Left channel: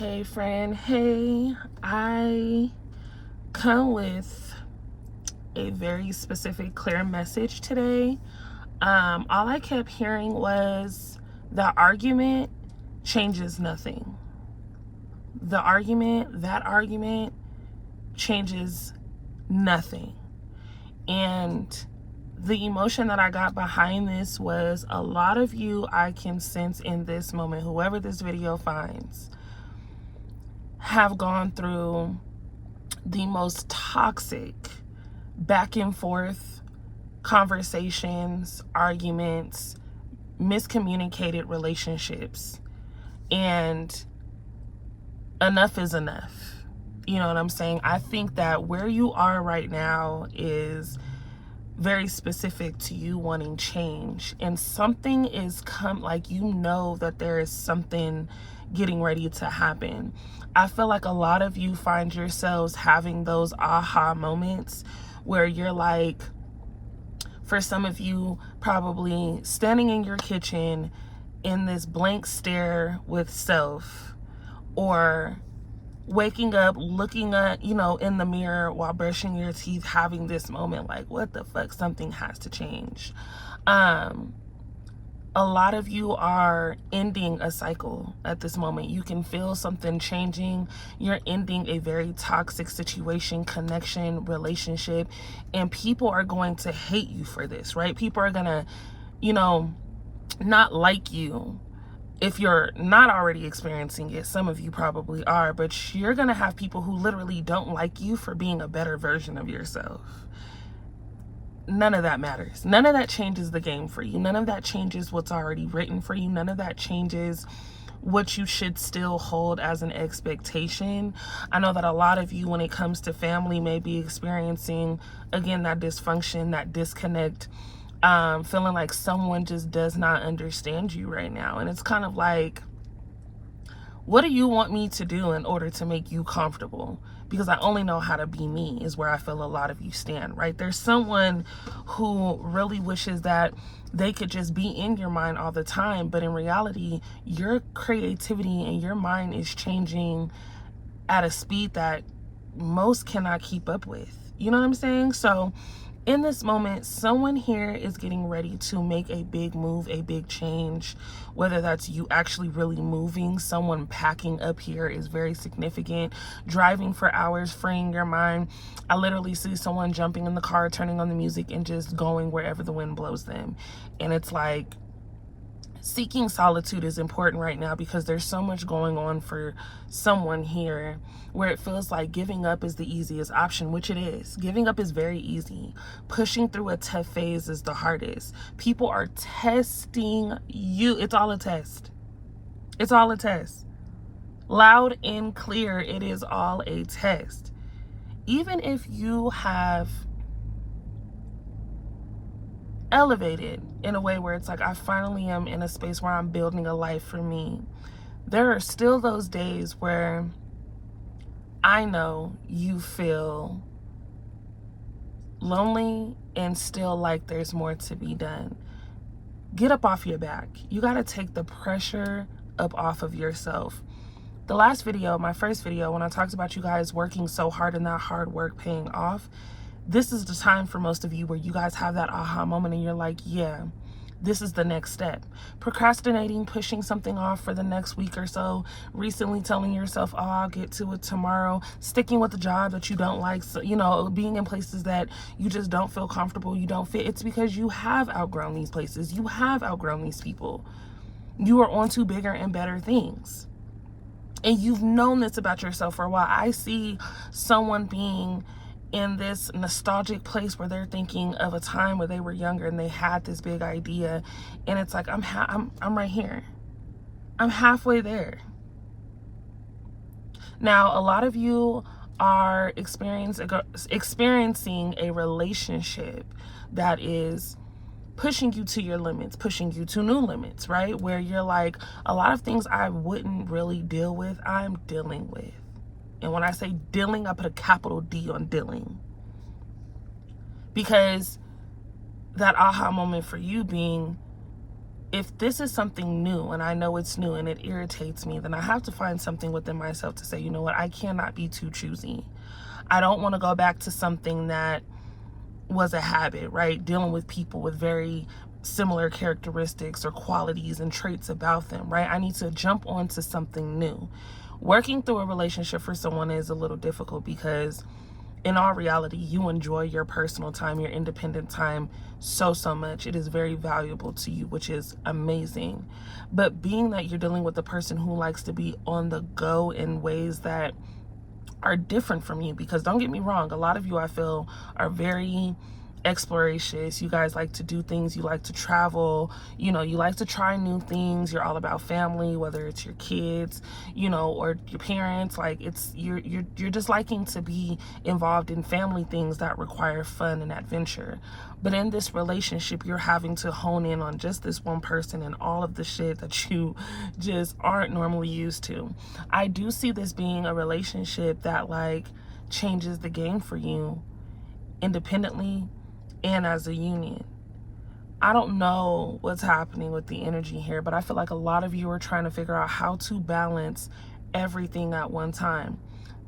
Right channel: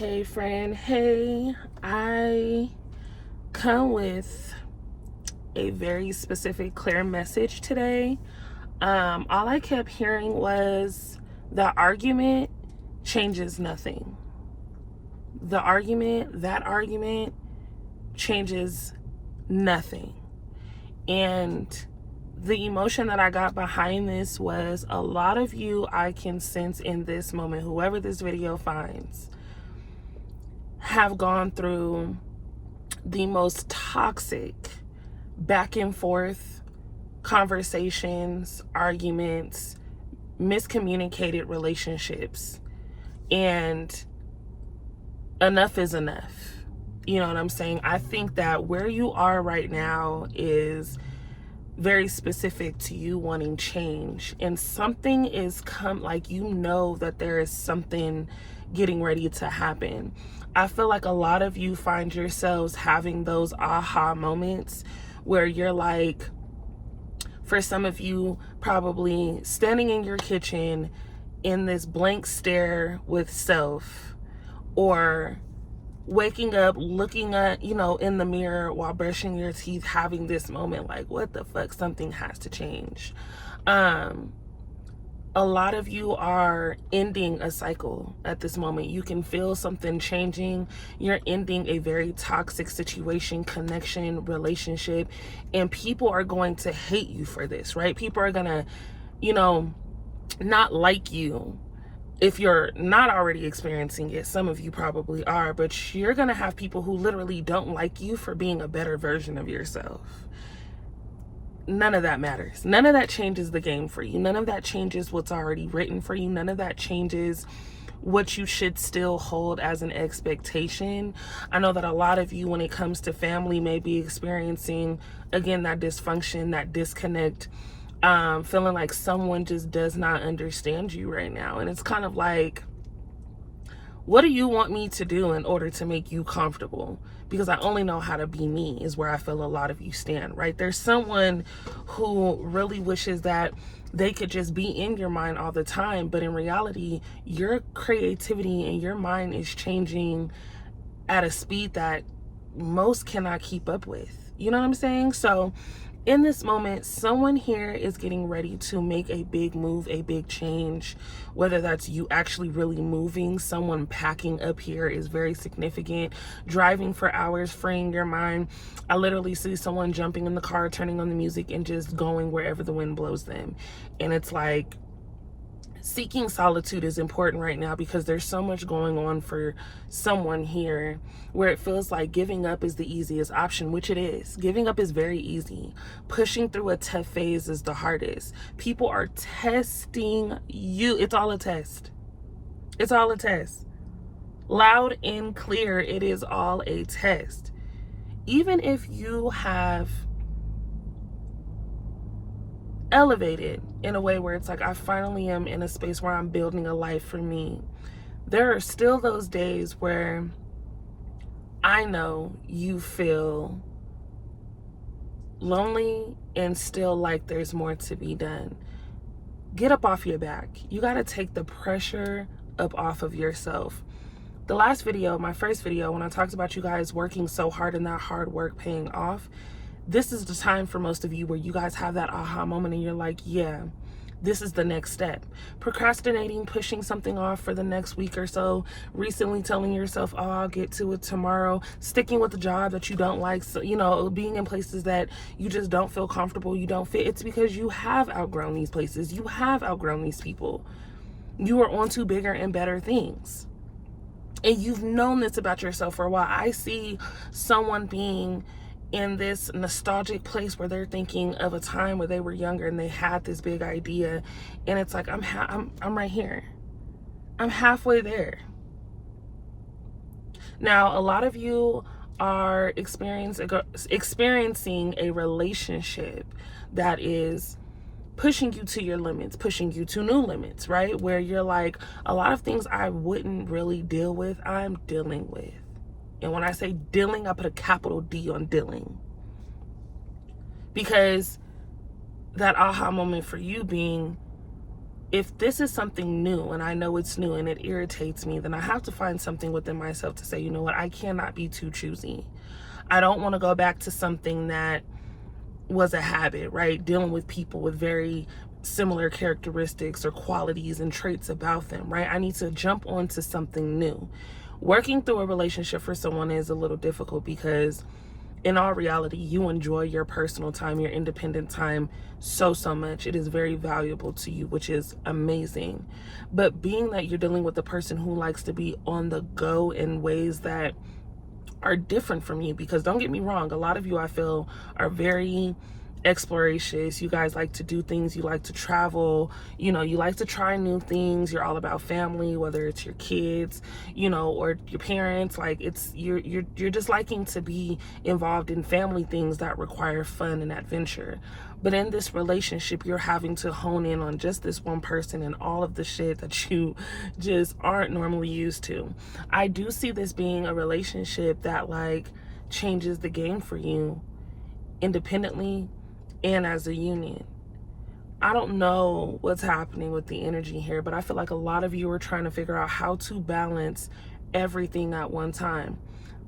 Hey friend, hey, I come with a very specific, clear message today. All I kept hearing was the argument changes nothing. That argument changes nothing. And the emotion that I got behind this was a lot of you I can sense in this moment, whoever this video finds, have gone through the most toxic back and forth conversations, arguments, miscommunicated relationships. And enough is enough. You know what I'm saying? I think that where you are right now is very specific to you wanting change, and something is that there is something getting ready to happen. I feel like a lot of you find yourselves having those aha moments where you're like, for some of you, probably standing in your kitchen in this blank stare with self, or waking up, looking at, in the mirror while brushing your teeth, having this moment like, what the fuck, something has to change. A lot of you are ending a cycle at this moment. You can feel something changing. You're ending a very toxic situation, connection, relationship, and people are going to hate you for this, right? People are gonna, not like you. If you're not already experiencing it, some of you probably are, but you're gonna have people who literally don't like you for being a better version of yourself. None of that matters. None of that changes the game for you. None of that changes what's already written for you. None of that changes what you should still hold as an expectation. I know that a lot of you, when it comes to family, may be experiencing, again, that dysfunction, that disconnect, feeling like someone just does not understand you right now. And it's kind of like, what do you want me to do in order to make you comfortable? Because I only know how to be me, is where I feel a lot of you stand, right? There's someone who really wishes that they could just be in your mind all the time, but in reality, your creativity and your mind is changing at a speed that most cannot keep up with. You know what I'm saying? So in this moment, someone here is getting ready to make a big move, a big change, whether that's you actually really moving. Someone packing up here is very significant. Driving for hours, freeing your mind. I literally see someone jumping in the car, turning on the music, and just going wherever the wind blows them. And it's like, seeking solitude is important right now because there's so much going on for someone here where it feels like giving up is the easiest option, which it is. Giving up is very easy. Pushing through a tough phase is the hardest. People are testing you. It's all a test. It's all a test. Loud and clear, it is all a test. Even if you have elevated in a way where it's like, I finally am in a space where I'm building a life for me, there are still those days where I know you feel lonely and still like there's more to be done. Get up off your back. You got to take the pressure up off of yourself. The last video, my first video, when I talked about you guys working so hard and that hard work paying off, this is the time for most of you where you guys have that aha moment and you're like, yeah, this is the next step. Procrastinating, pushing something off for the next week or so, recently telling yourself, oh, I'll get to it tomorrow, sticking with the job that you don't like, so, being in places that you just don't feel comfortable, you don't fit. It's because you have outgrown these places. You have outgrown these people. You are on to bigger and better things. And you've known this about yourself for a while. I see someone being in this nostalgic place where they're thinking of a time where they were younger and they had this big idea, and it's like, I'm right here. I'm halfway there. Now, a lot of you are experiencing a relationship that is pushing you to your limits, pushing you to new limits, right? Where you're like, a lot of things I wouldn't really deal with, I'm dealing with. And when I say dealing, I put a capital D on dealing. Because that aha moment for you being, if this is something new and I know it's new and it irritates me, then I have to find something within myself to say, you know what, I cannot be too choosy. I don't want to go back to something that was a habit, right? Dealing with people with very similar characteristics or qualities and traits about them, right? I need to jump onto something new. Working through a relationship for someone is a little difficult because in all reality, you enjoy your personal time, your independent time so much. It is very valuable to you, which is amazing. But being that you're dealing with a person who likes to be on the go in ways that are different from you, because don't get me wrong, a lot of you I feel are very explorations. You guys like to do things, you like to travel, you know, you like to try new things. You're all about family, whether it's your kids, you know, or your parents. Like it's you're just liking to be involved in family things that require fun and adventure. But in this relationship, you're having to hone in on just this one person and all of the shit that you just aren't normally used to. I do see this being a relationship that like changes the game for you independently and as a union. I don't know what's happening with the energy here, but I feel like a lot of you are trying to figure out how to balance everything at one time.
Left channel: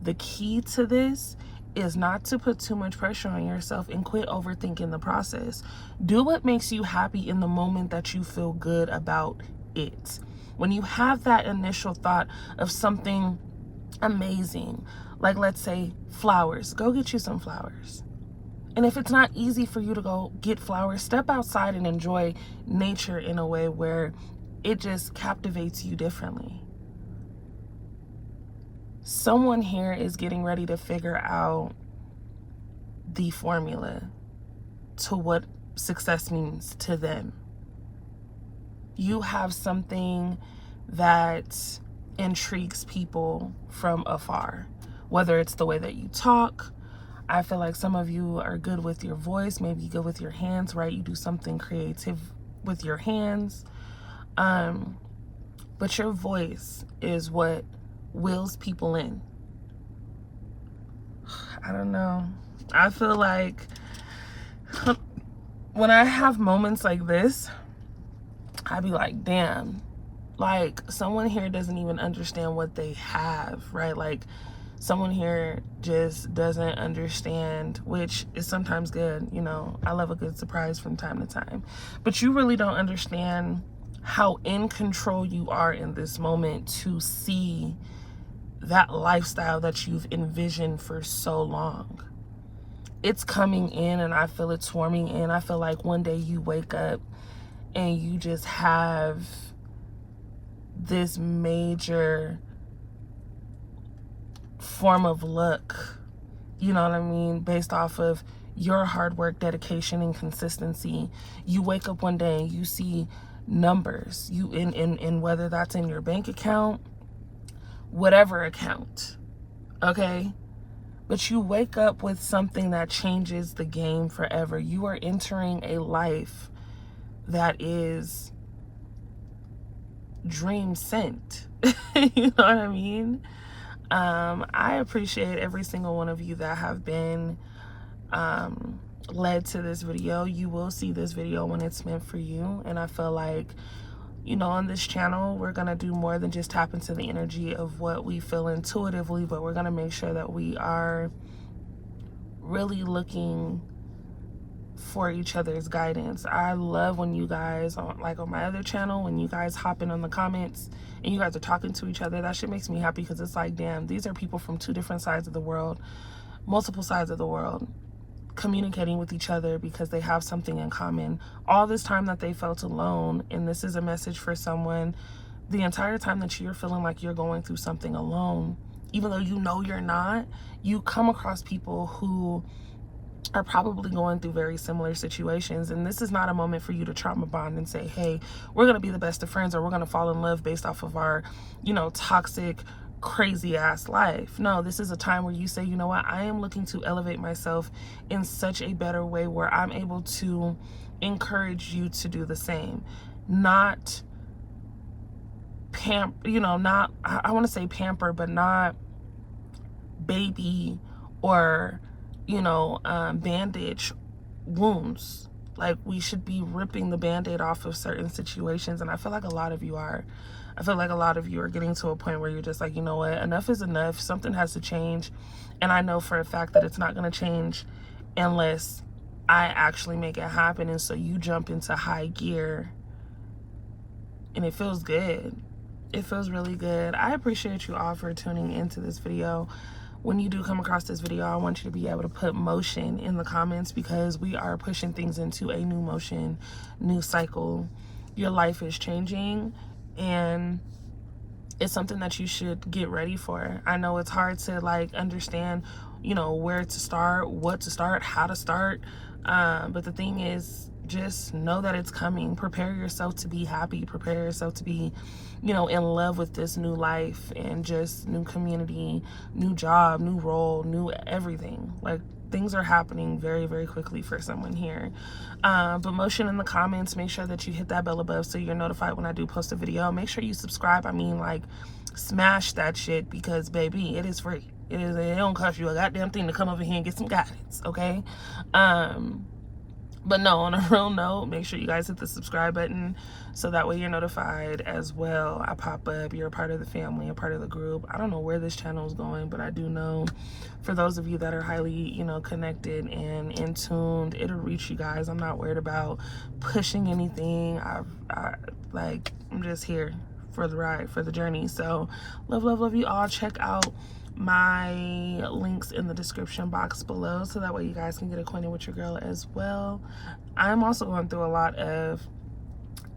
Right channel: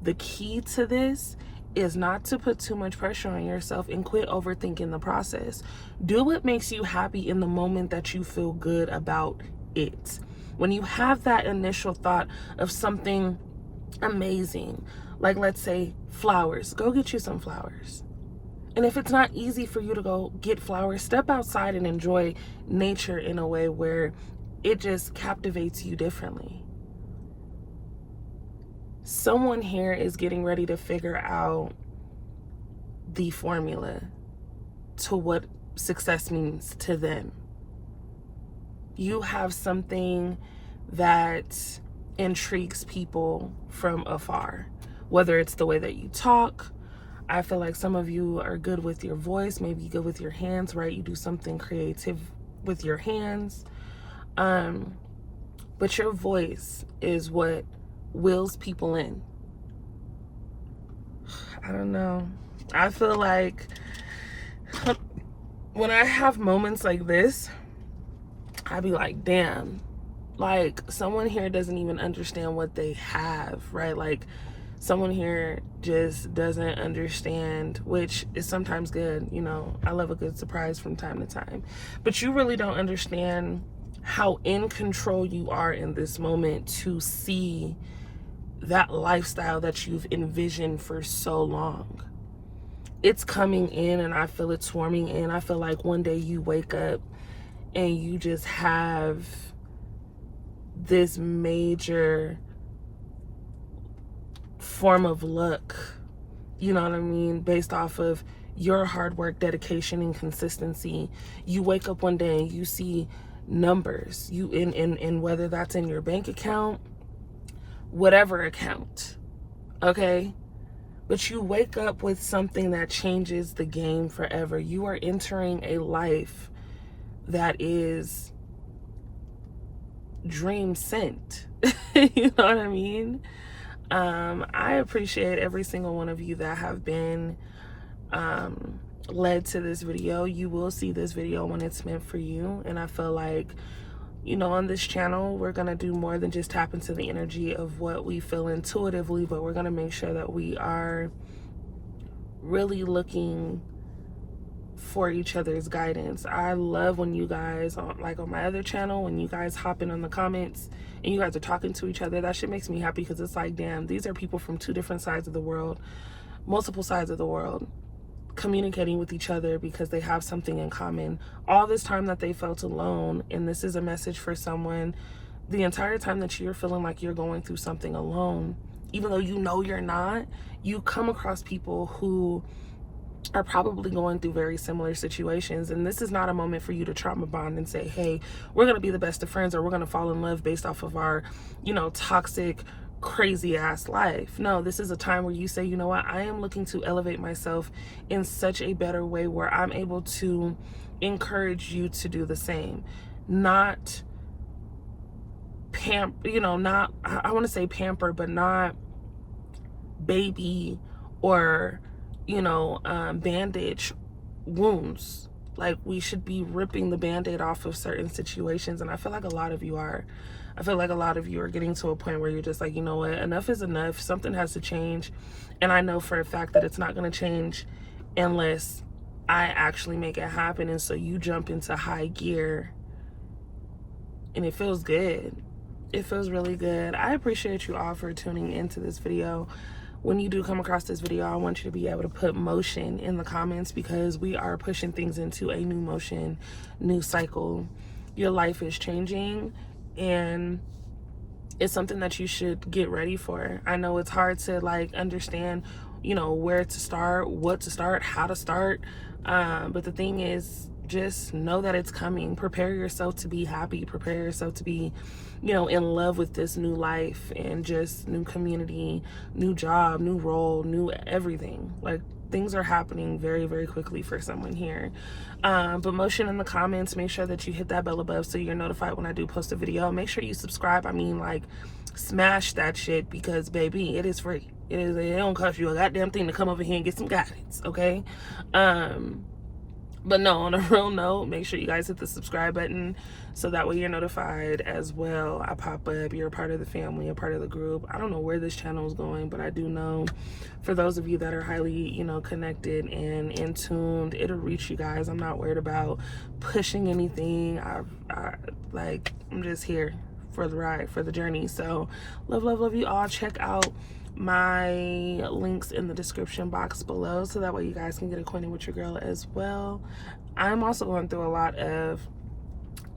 The key to this is not to put too much pressure on yourself and quit overthinking the process. Do what makes you happy in the moment that you feel good about it. When you have that initial thought of something amazing, like let's say flowers, go get you some flowers. And if it's not easy for you to go get flowers, step outside and enjoy nature in a way where it just captivates you differently. Someone here is getting ready to figure out the formula to what success means to them. You have something that intrigues people from afar, whether it's the way that you talk. I feel like some of you are good with your voice, maybe good with your hands, right? You do something creative with your hands. But your voice is what wills people in. I don't know. I feel like when I have moments like this, I be like, damn, like someone here doesn't even understand what they have, right? Like someone here just doesn't understand, which is sometimes good. You know, I love a good surprise from time to time, but you really don't understand how in control you are in this moment to see that lifestyle that you've envisioned for so long. It's coming in and I feel it swarming in. I feel like one day you wake up and you just have this major form of luck, you know what I mean, based off of your hard work, dedication, and consistency. You wake up one day and you see numbers, you in whether that's in your bank account, whatever account, okay? But you wake up with something that changes the game forever. You are entering a life that is dream sent. You know what I mean? I appreciate every single one of you that have been led to this video. You will see this video when it's meant for you. And I feel like, you know, on this channel, we're going to do more than just tap into the energy of what we feel intuitively, but we're going to make sure that we are really looking for each other's guidance. I love when you guys, like on my other channel, when you guys hop in on the comments and you guys are talking to each other. That shit makes me happy because it's like, damn, these are people from two different sides of the world, multiple sides of the world, communicating with each other because they have something in common. All this time that they felt alone, and this is a message for someone, the entire time that you're feeling like you're going through something alone, even though you know you're not, you come across people who are probably going through very similar situations. And this is not a moment for you to trauma bond and say, hey, we're going to be the best of friends, or we're going to fall in love based off of our, you know, toxic, crazy ass life. No, this is a time where you say, you know what, I am looking to elevate myself in such a better way where I'm able to encourage you to do the same. Not not, I want to say pamper, but not baby or, you know, bandage wounds. Like, we should be ripping the Band-Aid off of certain situations, and I feel like a lot of you are. I feel like a lot of you are getting to a point where you're just like, you know what, enough is enough. Something has to change. And I know for a fact that it's not going to change unless I actually make it happen. And so you jump into high gear, and it feels good. It feels really good. I appreciate you all for tuning into this video. When you do come across this video, I want you to be able to put motion in the comments, because we are pushing things into a new motion, new cycle. Your life is changing, and it's something that you should get ready for. I know it's hard to like understand, you know, where to start, what to start, how to start. But the thing is, just know that it's coming. Prepare yourself to be happy. Prepare yourself to be, you know, in love with this new life and just new community, new job, new role, new everything. Like, things are happening very, very quickly for someone here. But motion in the comments. Make sure that you hit that bell above so you're notified when I do post a video. Make sure you subscribe. I mean, like, smash that shit, because baby, it is free. It don't cost you a goddamn thing to come over here and get some guidance, okay? But no, on a real note, make sure you guys hit the subscribe button so that way you're notified as well. I pop up, you're a part of the family, a part of the group. I don't know where this channel is going, but I do know for those of you that are highly, you know, connected and in tuned, it'll reach you guys. I'm not worried about pushing anything. I'm just here for the ride, for the journey. So love you all. Check out my links in the description box below so that way you guys can get acquainted with your girl as well. I'm also going through a lot of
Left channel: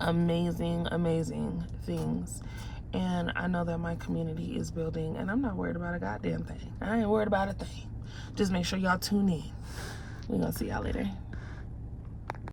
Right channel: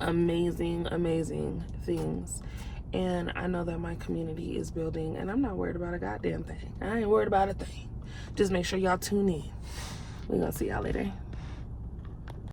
amazing things, and I know that my community is building, and I'm not worried about a goddamn thing. I ain't worried about a thing. Just make sure y'all tune in. We're gonna see y'all later.